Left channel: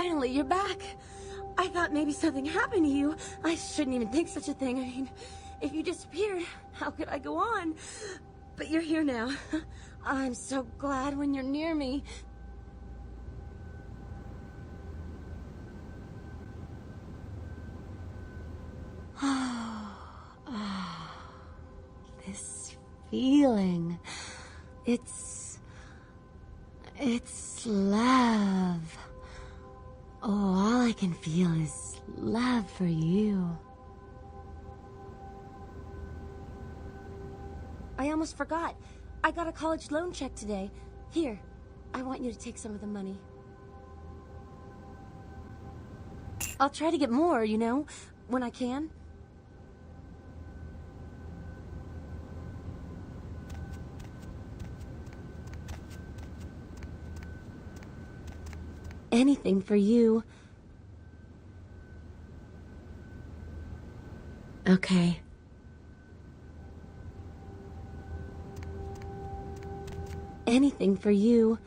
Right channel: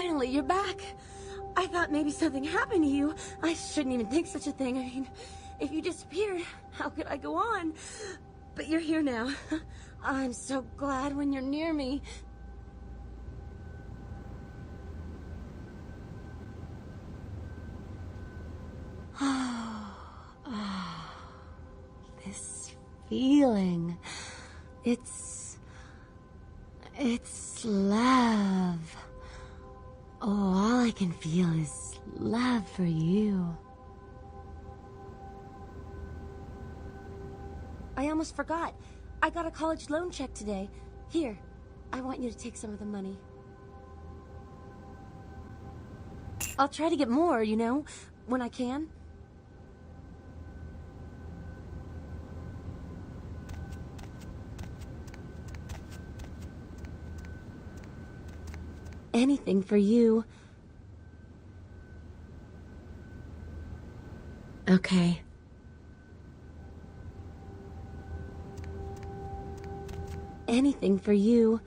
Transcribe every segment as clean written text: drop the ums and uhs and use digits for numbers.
Finally, you're back. I thought maybe something happened to you. I shouldn't even think such a thing. I mean, if you disappeared, how could I go on? But you're here now. I'm so glad when you're near me. This feeling. It's love. Oh, all I can feel is love for you. I almost forgot. I got a college loan check today. Here, I want you to take some of the money. I'll try to get more, you know, when I can. Anything for you. Okay. Anything for you.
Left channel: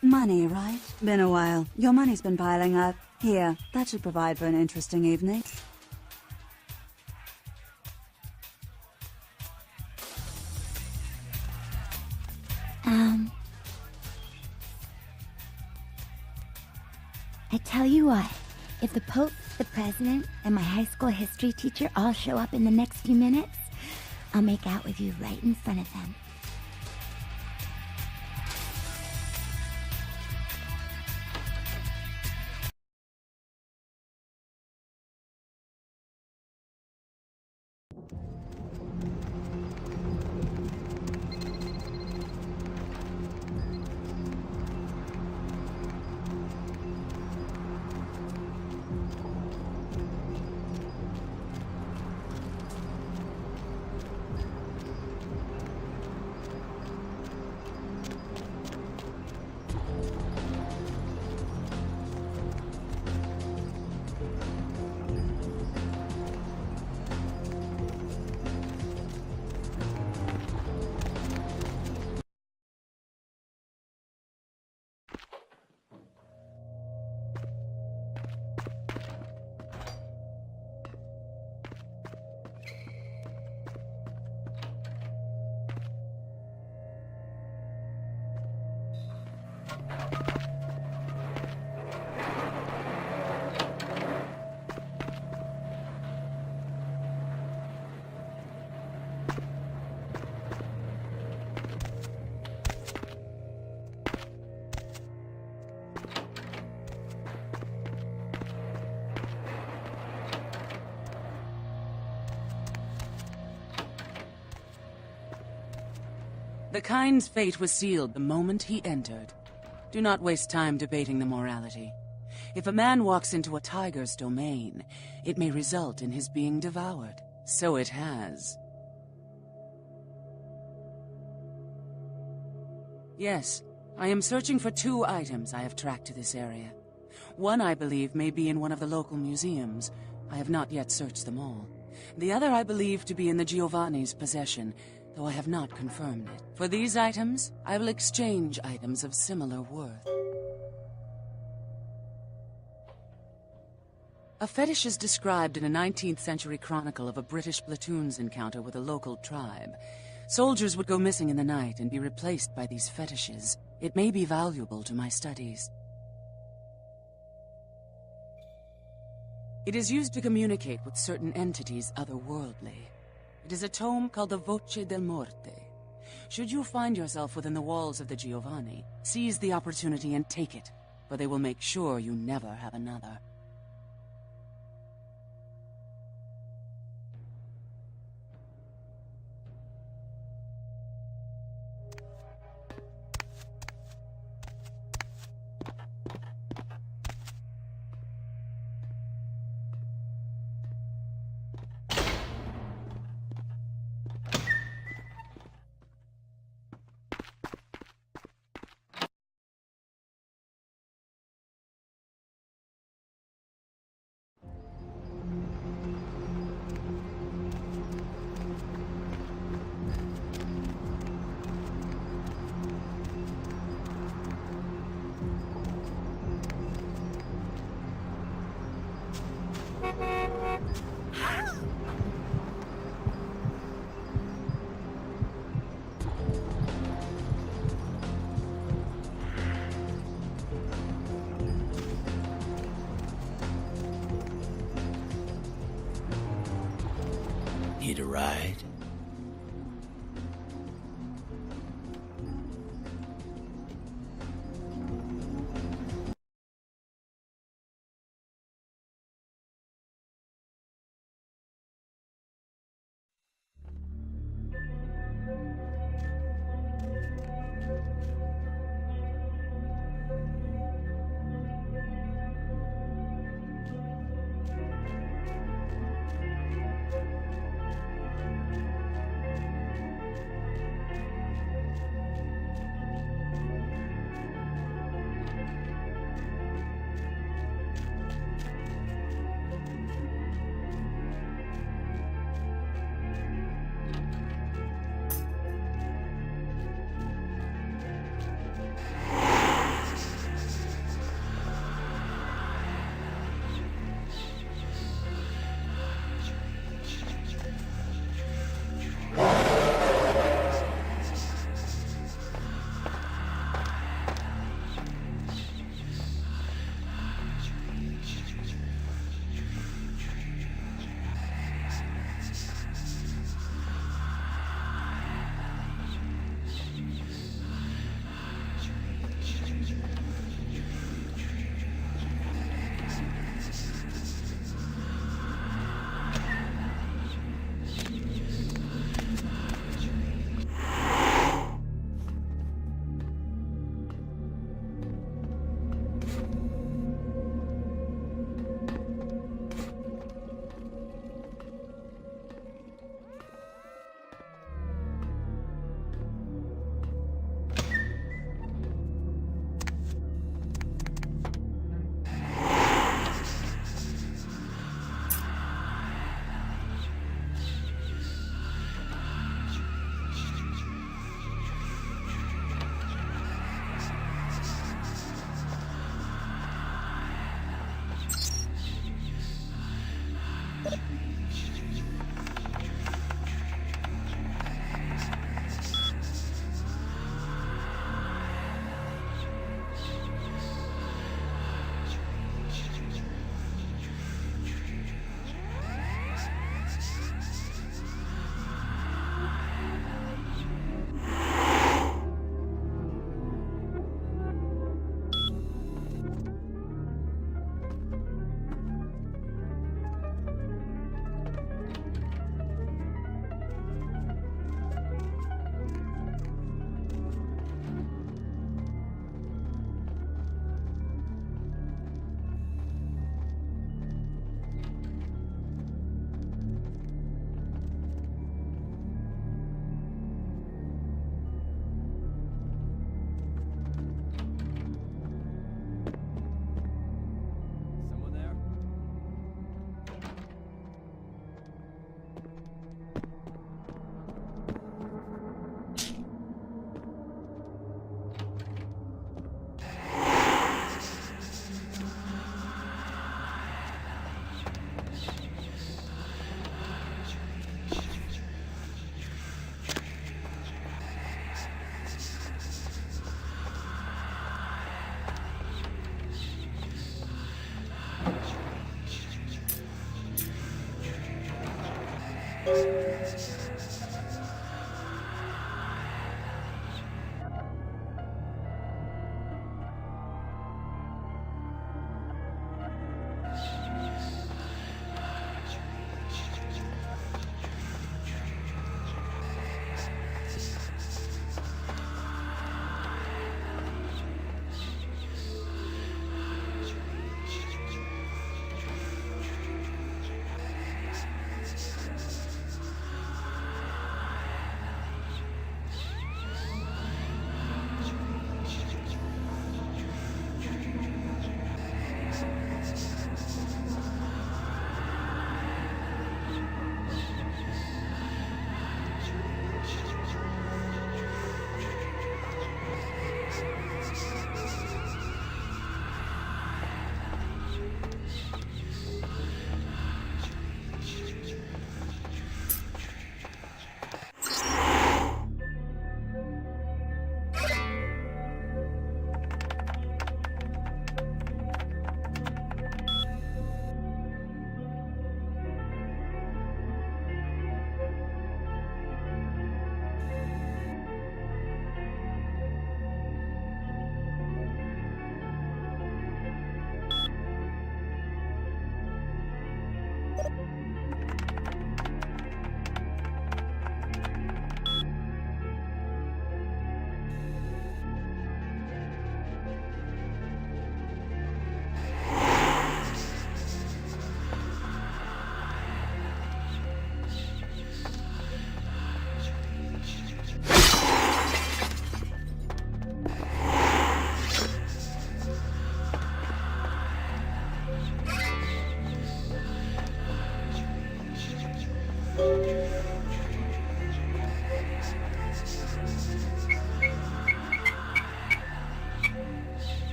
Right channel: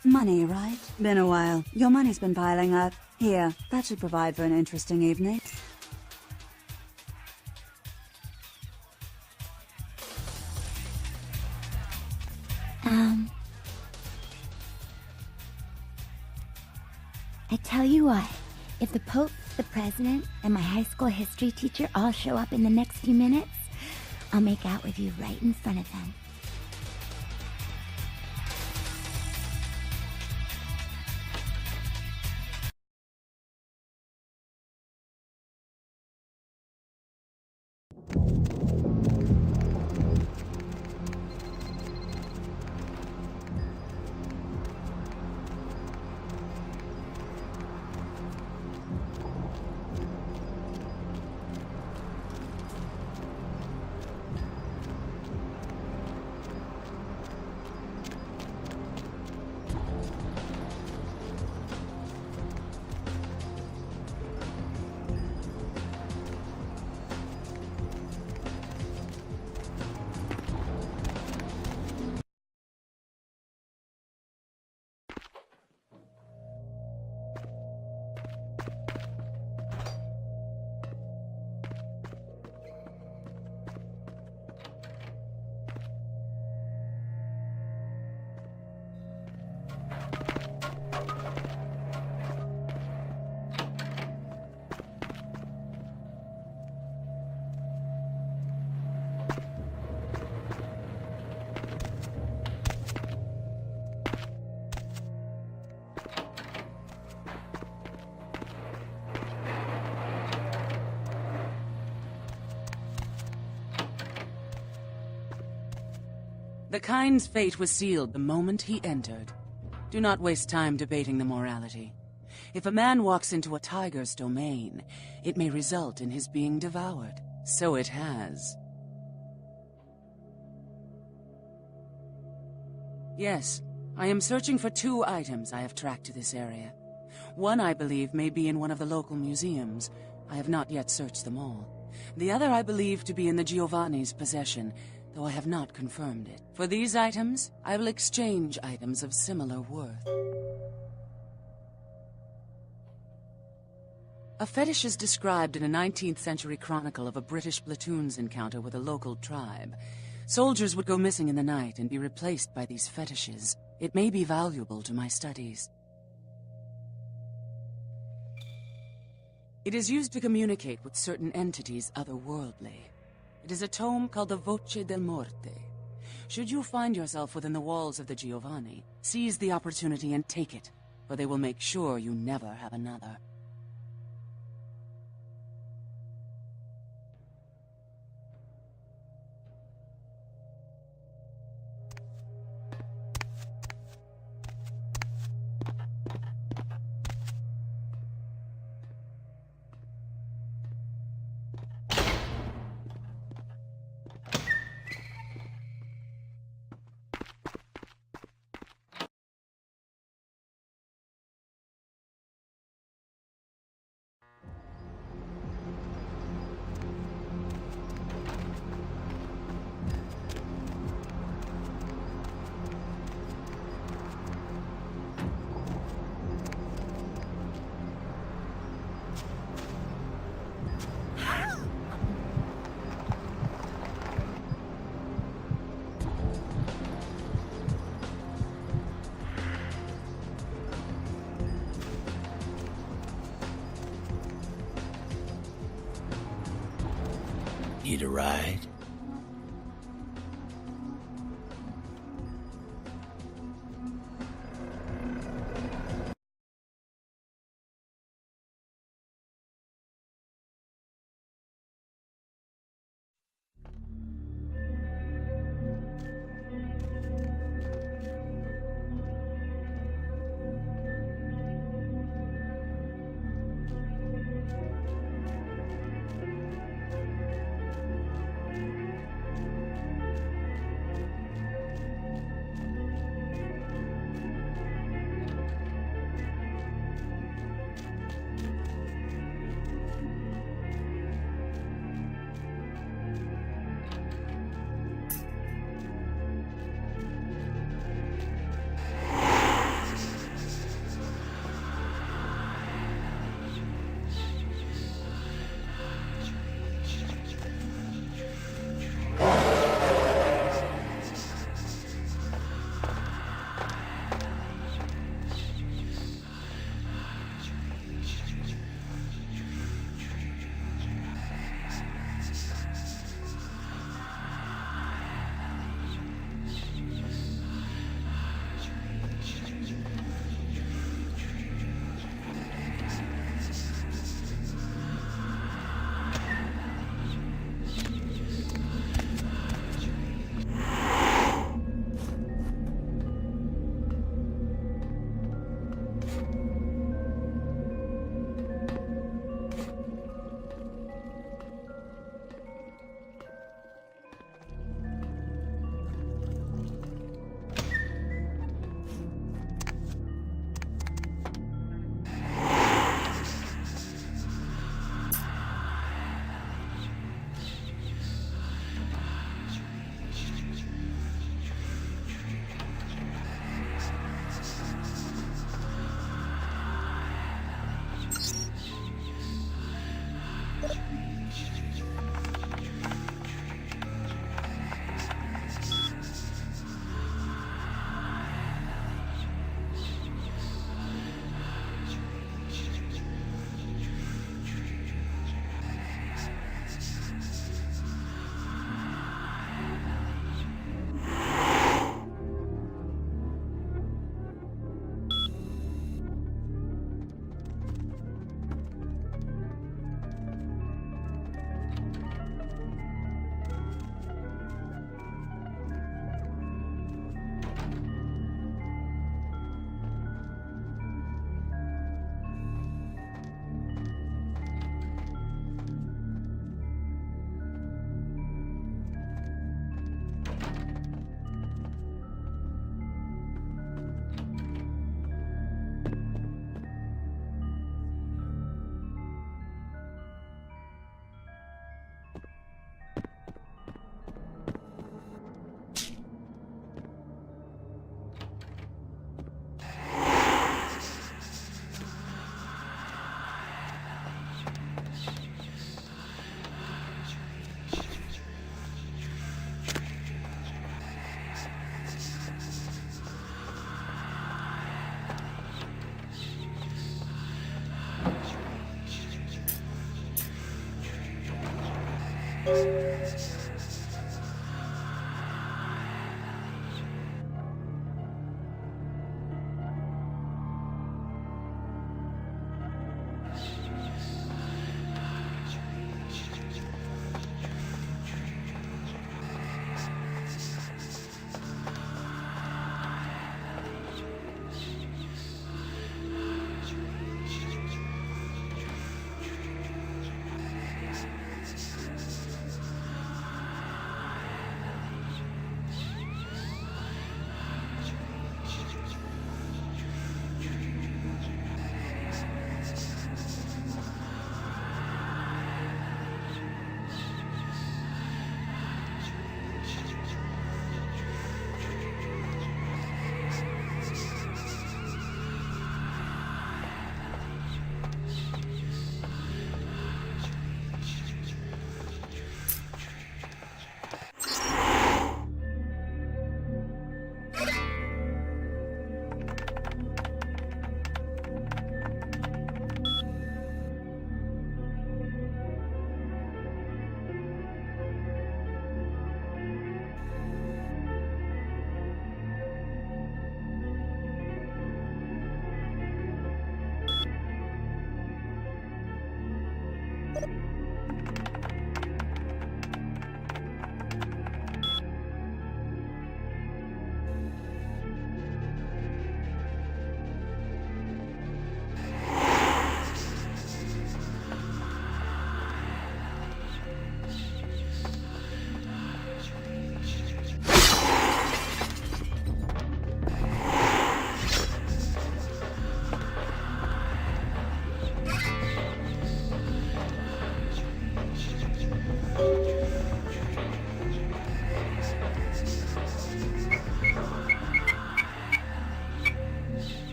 Money, right? Been a while. Your money's been piling up. Here, that should provide for an interesting evening. I tell you what, if the Pope, the President, and my high school history teacher all show up in the next few minutes, I'll make out with you right in front of them. The kind's fate was sealed the moment he entered. Do not waste time debating the morality. If a man walks into a tiger's domain, it may result in his being devoured. So it has. Yes, I am searching for 2 items I have tracked to this area. One I believe may be in one of the local museums. I have not yet searched them all. The other I believe to be in the Giovanni's possession, though I have not confirmed it. For these items, I will exchange items of similar worth. A fetish is described in a 19th century chronicle of a British platoon's encounter with a local tribe. Soldiers would go missing in the night and be replaced by these fetishes. It may be valuable to my studies. It is used to communicate with certain entities otherworldly. It is a tome called the Voce del Morte. Should you find yourself within the walls of the Giovanni, seize the opportunity and take it, for they will make sure you never have another. Need a ride?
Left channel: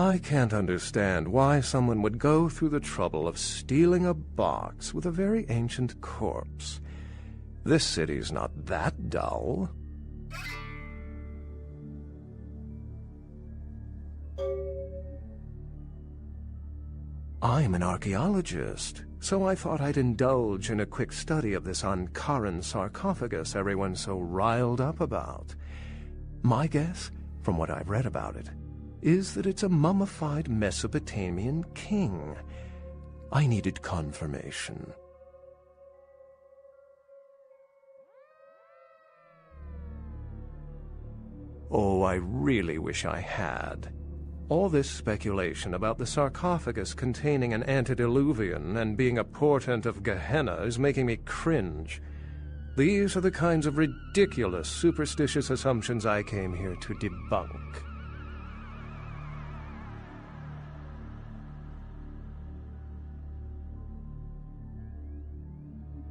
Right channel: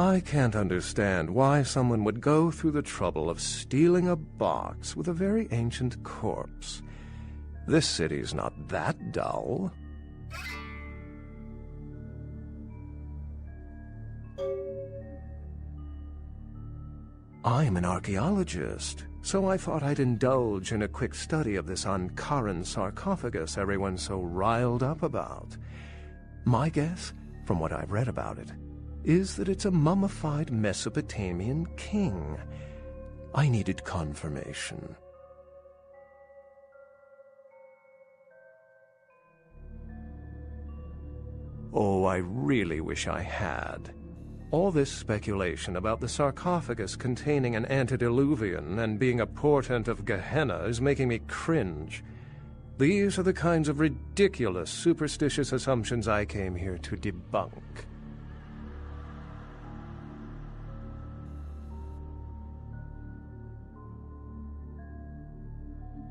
I can't understand why someone would go through the trouble of stealing a box with a very ancient corpse. This city's not that dull. I'm an archaeologist, so I thought I'd indulge in a quick study of this Ankaran sarcophagus everyone's so riled up about. My guess, from what I've read about it, is that it's a mummified Mesopotamian king. I needed confirmation. Oh, I really wish I had. All this speculation about the sarcophagus containing an antediluvian and being a portent of Gehenna is making me cringe. These are the kinds of ridiculous, superstitious assumptions I came here to debunk.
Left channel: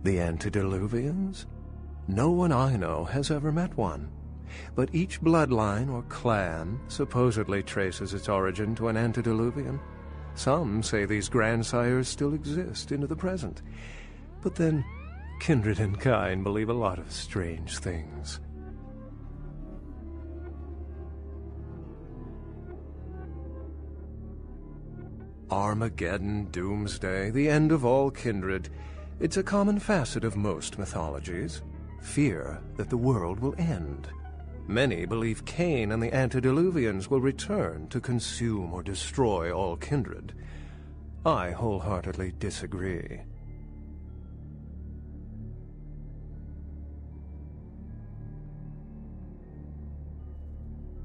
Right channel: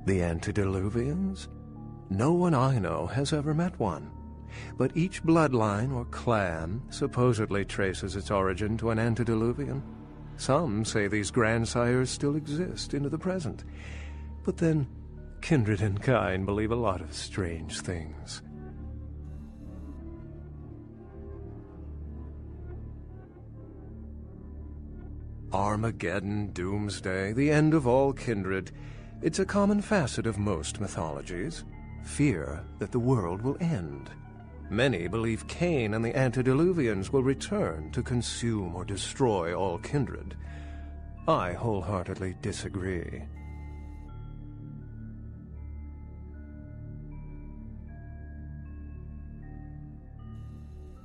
The antediluvians? No one I know has ever met one. But each bloodline or clan supposedly traces its origin to an antediluvian. Some say these grandsires still exist into the present. But then, kindred and kind believe a lot of strange things. Armageddon, doomsday, the end of all kindred. It's a common facet of most mythologies. Fear that the world will end. Many believe Cain and the antediluvians will return to consume or destroy all kindred. I wholeheartedly disagree.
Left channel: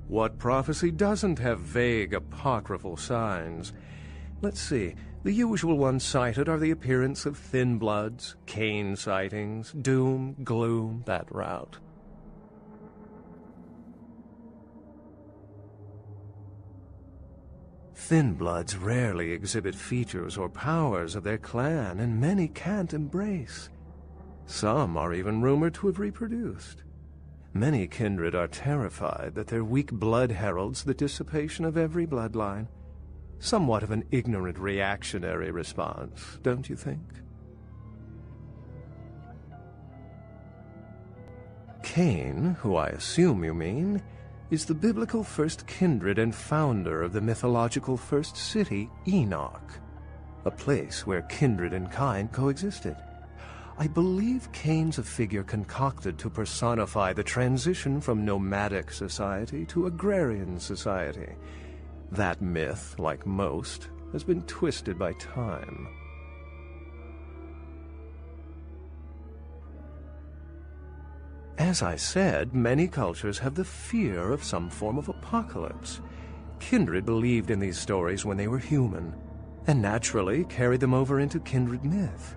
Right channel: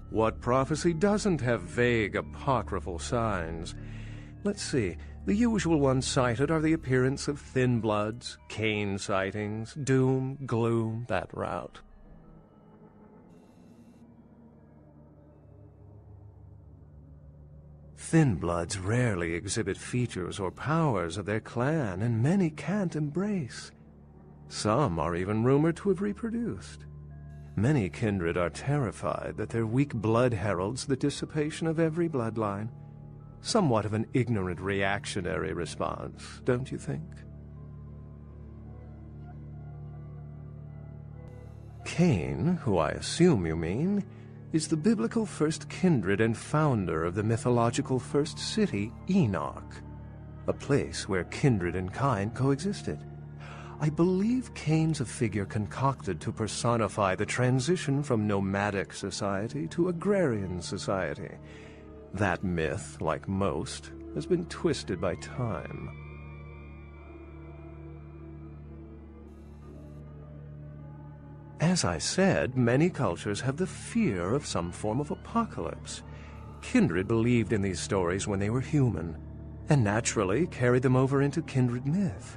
What prophecy doesn't have vague apocryphal signs? Let's see. The usual ones cited are the appearance of thin bloods, Cain sightings, doom, gloom, that route. Thin bloods rarely exhibit features or powers of their clan, and many can't embrace. Some are even rumored to have reproduced. Many kindred are terrified that their weak blood heralds the dissipation of every bloodline. Somewhat of an ignorant reactionary response, don't you think? Cain, who I assume you mean, is the biblical first kindred and founder of the mythological first city, Enoch, a place where kindred and kind coexisted. I believe Cain's a figure concocted to personify the transition from nomadic society to agrarian society. That myth, like most, has been twisted by time. As I said, many cultures have the fear of some form of apocalypse. Kindred believed in these stories when they were human, and naturally carried them over into kindred myth.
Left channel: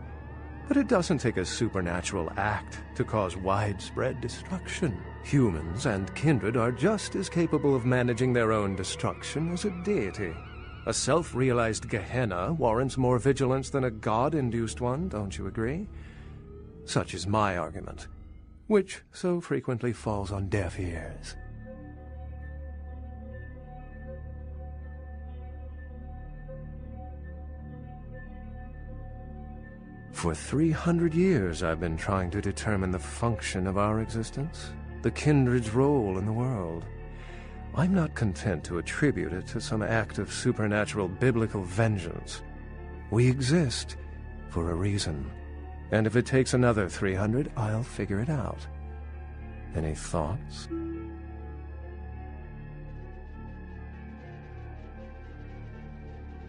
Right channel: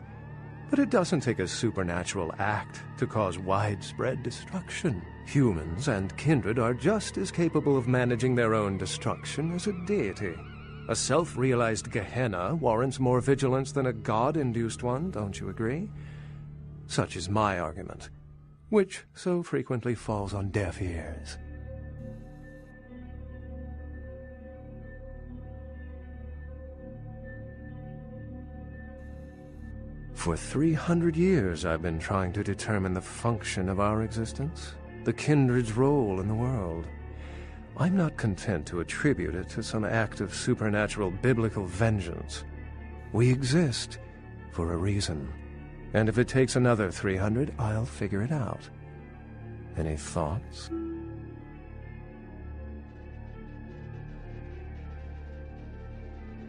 But it doesn't take a supernatural act to cause widespread destruction. Humans and kindred are just as capable of managing their own destruction as a deity. A self-realized Gehenna warrants more vigilance than a god-induced one, don't you agree? Such is my argument, which so frequently falls on deaf ears. For 300 years I've been trying to determine the function of our existence, the kindred's role in the world. I'm not content to attribute it to some act of supernatural biblical vengeance. We exist for a reason, and if it takes another 300, I'll figure it out. Any thoughts?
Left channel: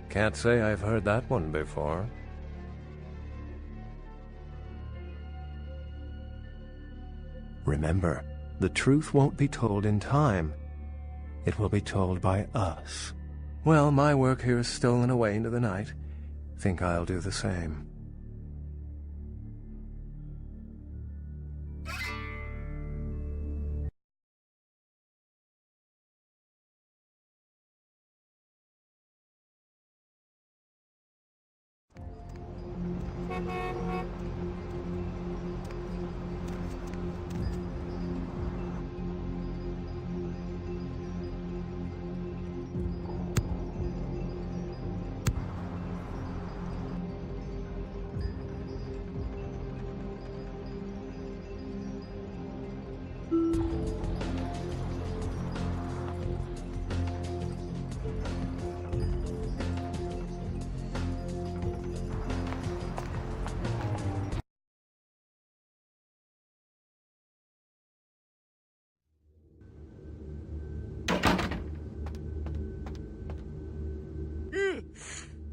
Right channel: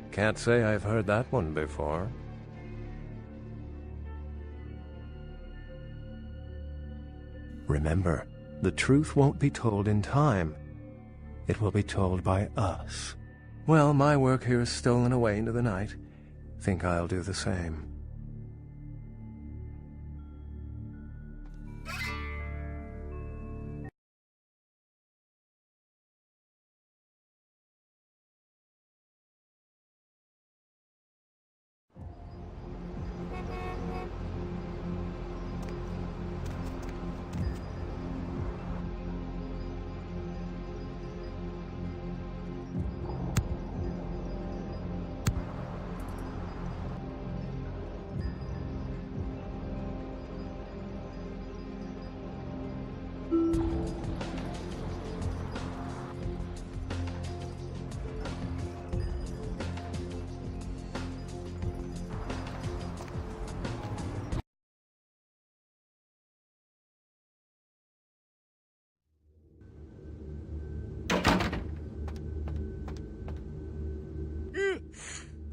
Can't say I've heard that one before. Remember, the truth won't be told in time. It will be told by us. Well, my work here is stolen away into the night. Think I'll do the same.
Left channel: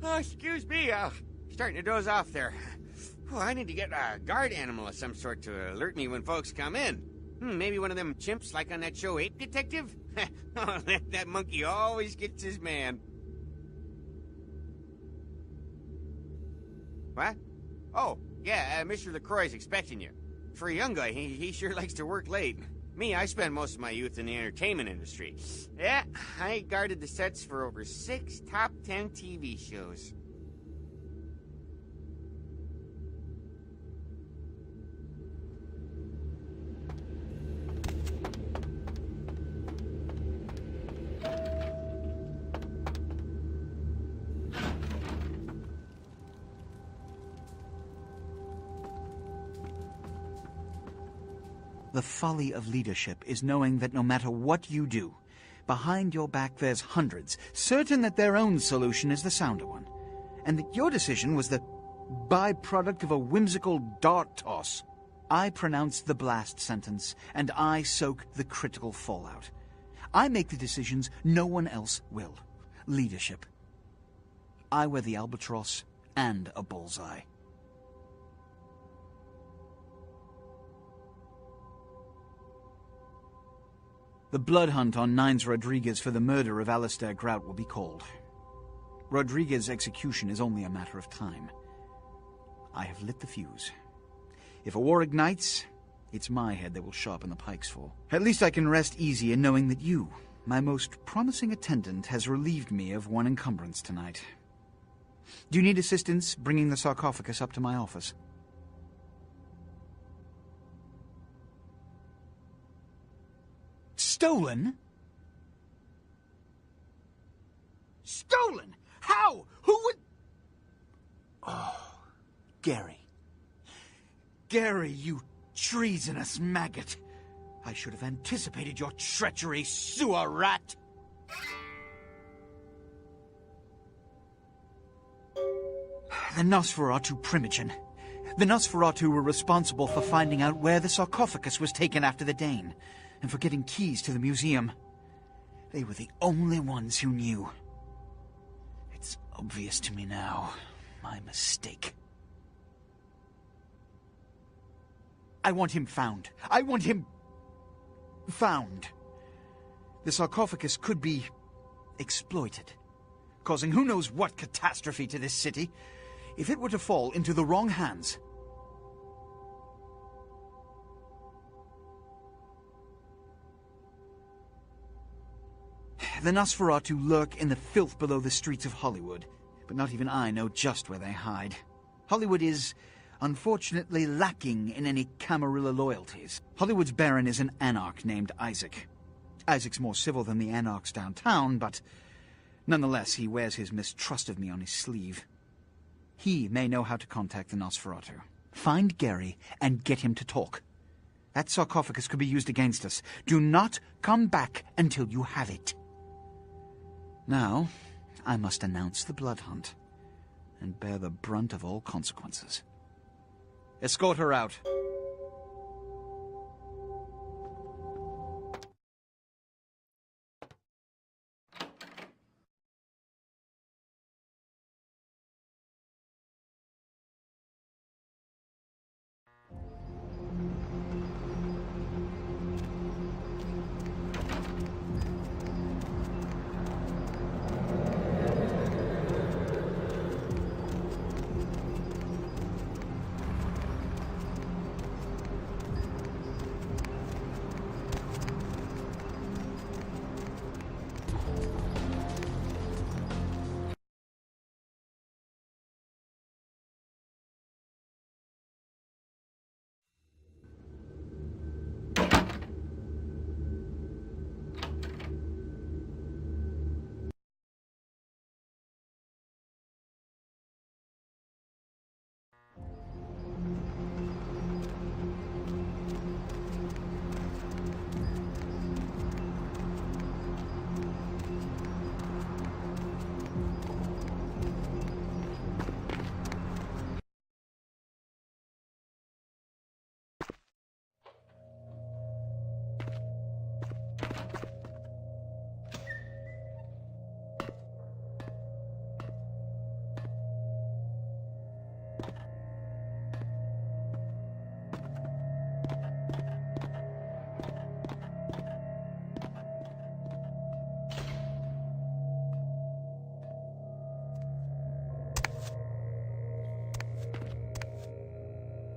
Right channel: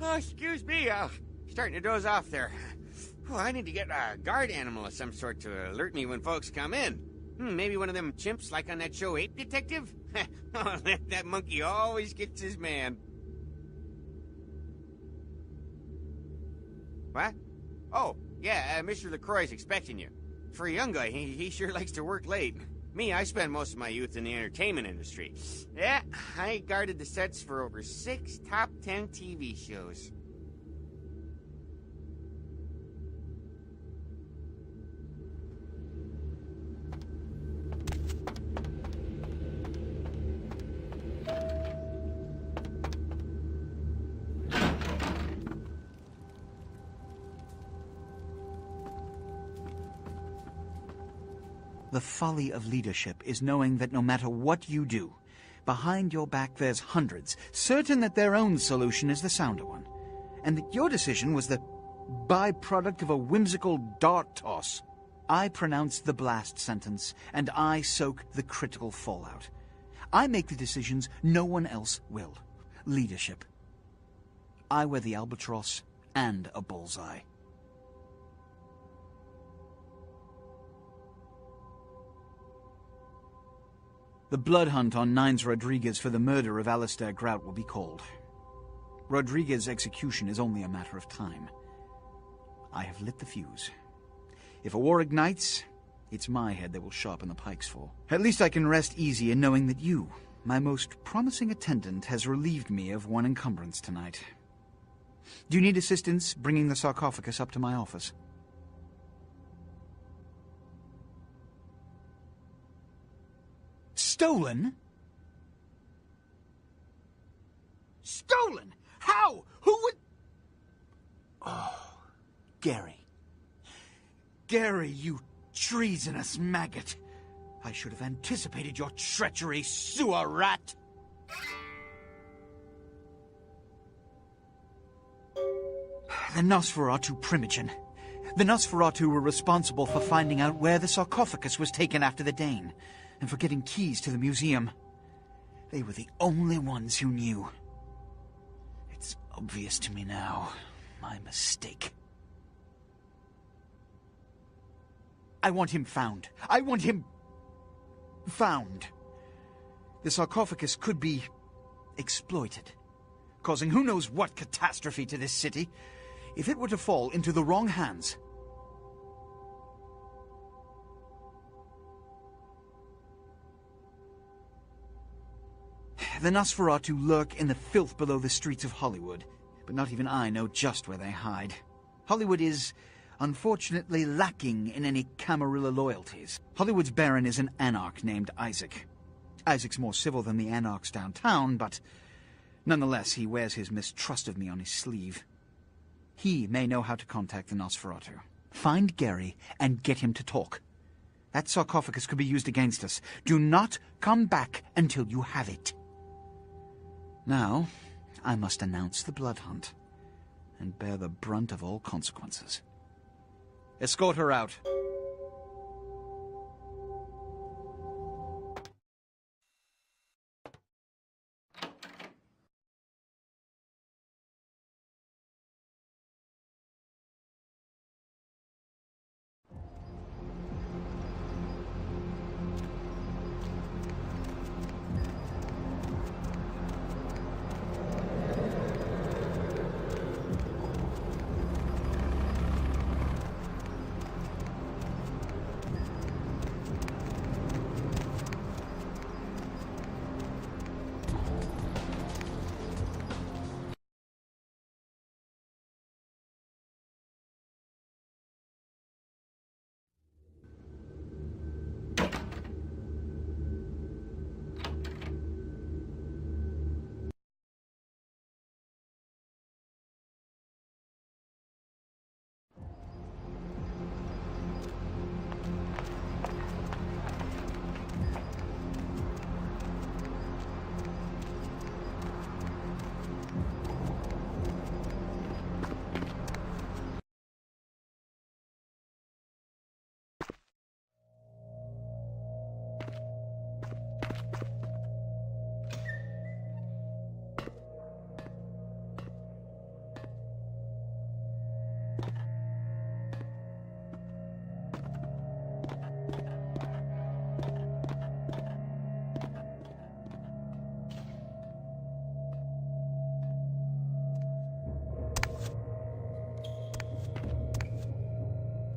Oh, excuse me, starting to doze off there. Oh, I need to get a guard animal of some sort to alert me when folks come in. Maybe one of them chimps like on that show Ape Detective? Oh, that monkey always gets his man. What? Oh, yeah, Mr. LaCroix's expecting you. For a young guy, he sure likes to work late. Me, I spent most of my youth in the entertainment industry. Yeah, I guarded the sets for over 6 top 10 TV shows. The folly of leadership is knowing that no matter what you do, Behind your back there's hundreds, certain that their own solution is the sounder one, and that your decision was the byproduct of a whimsical dart toss. I pronounce the blast sentence, and I soak the critical fallout. I make the decisions no one else will. Leadership. I wear the albatross and a bullseye. The blood hunt on Nines Rodriguez for the murder of Alistair Grout will be called. Rodriguez's execution is only a matter of time. I have lit the fuse. If a war ignites, it's my head they will sharpen the pikes for. At least I can rest easy in knowing that you, my most promising attendant, has relieved me of one encumbrance tonight. Do you need assistance bringing the sarcophagus up to my office? Stolen? Stolen? How? Who would... Oh, Gary. Gary, you treasonous maggot. I should have anticipated your treachery, sewer rat. The Nosferatu Primogen. The Nosferatu were responsible for finding out where the sarcophagus was taken after the Dane, and for getting keys to the museum. They were the only ones who knew. It's obvious to me now. My mistake. I want him found. I want him... found. The sarcophagus could be exploited, causing who knows what catastrophe to this city. If it were to fall into the wrong hands... The Nosferatu lurk in the filth below the streets of Hollywood, but not even I know just where they hide. Hollywood is, unfortunately, lacking in any Camarilla loyalties. Hollywood's baron is an anarch named Isaac. Isaac's more civil than the anarchs downtown, but nonetheless he wears his mistrust of me on his sleeve. He may know how to contact the Nosferatu. Find Gary and get him to talk. That sarcophagus could be used against us. Do not come back until you have it. Now, I must announce the blood hunt, and bear the brunt of all consequences. Escort her out.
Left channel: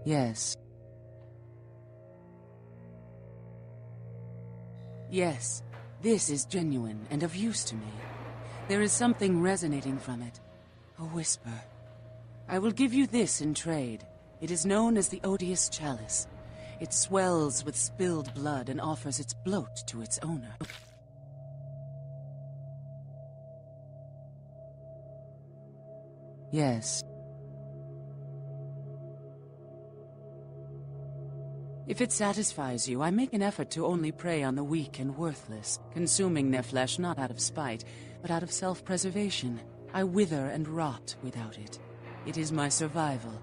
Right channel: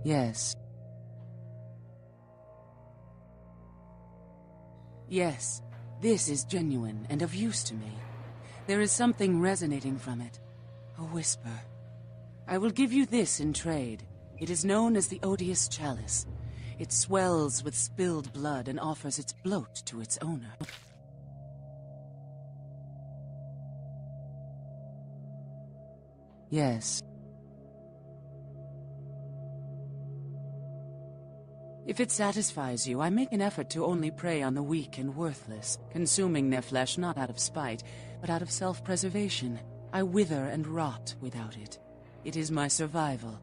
Yes. Yes, this is genuine and of use to me. There is something resonating from it. A whisper. I will give you this in trade. It is known as the Odious Chalice. It swells with spilled blood and offers its bloat to its owner. Yes. If it satisfies you, I make an effort to only prey on the weak and worthless, consuming their flesh not out of spite, but out of self-preservation. I wither and rot without it. It is my survival.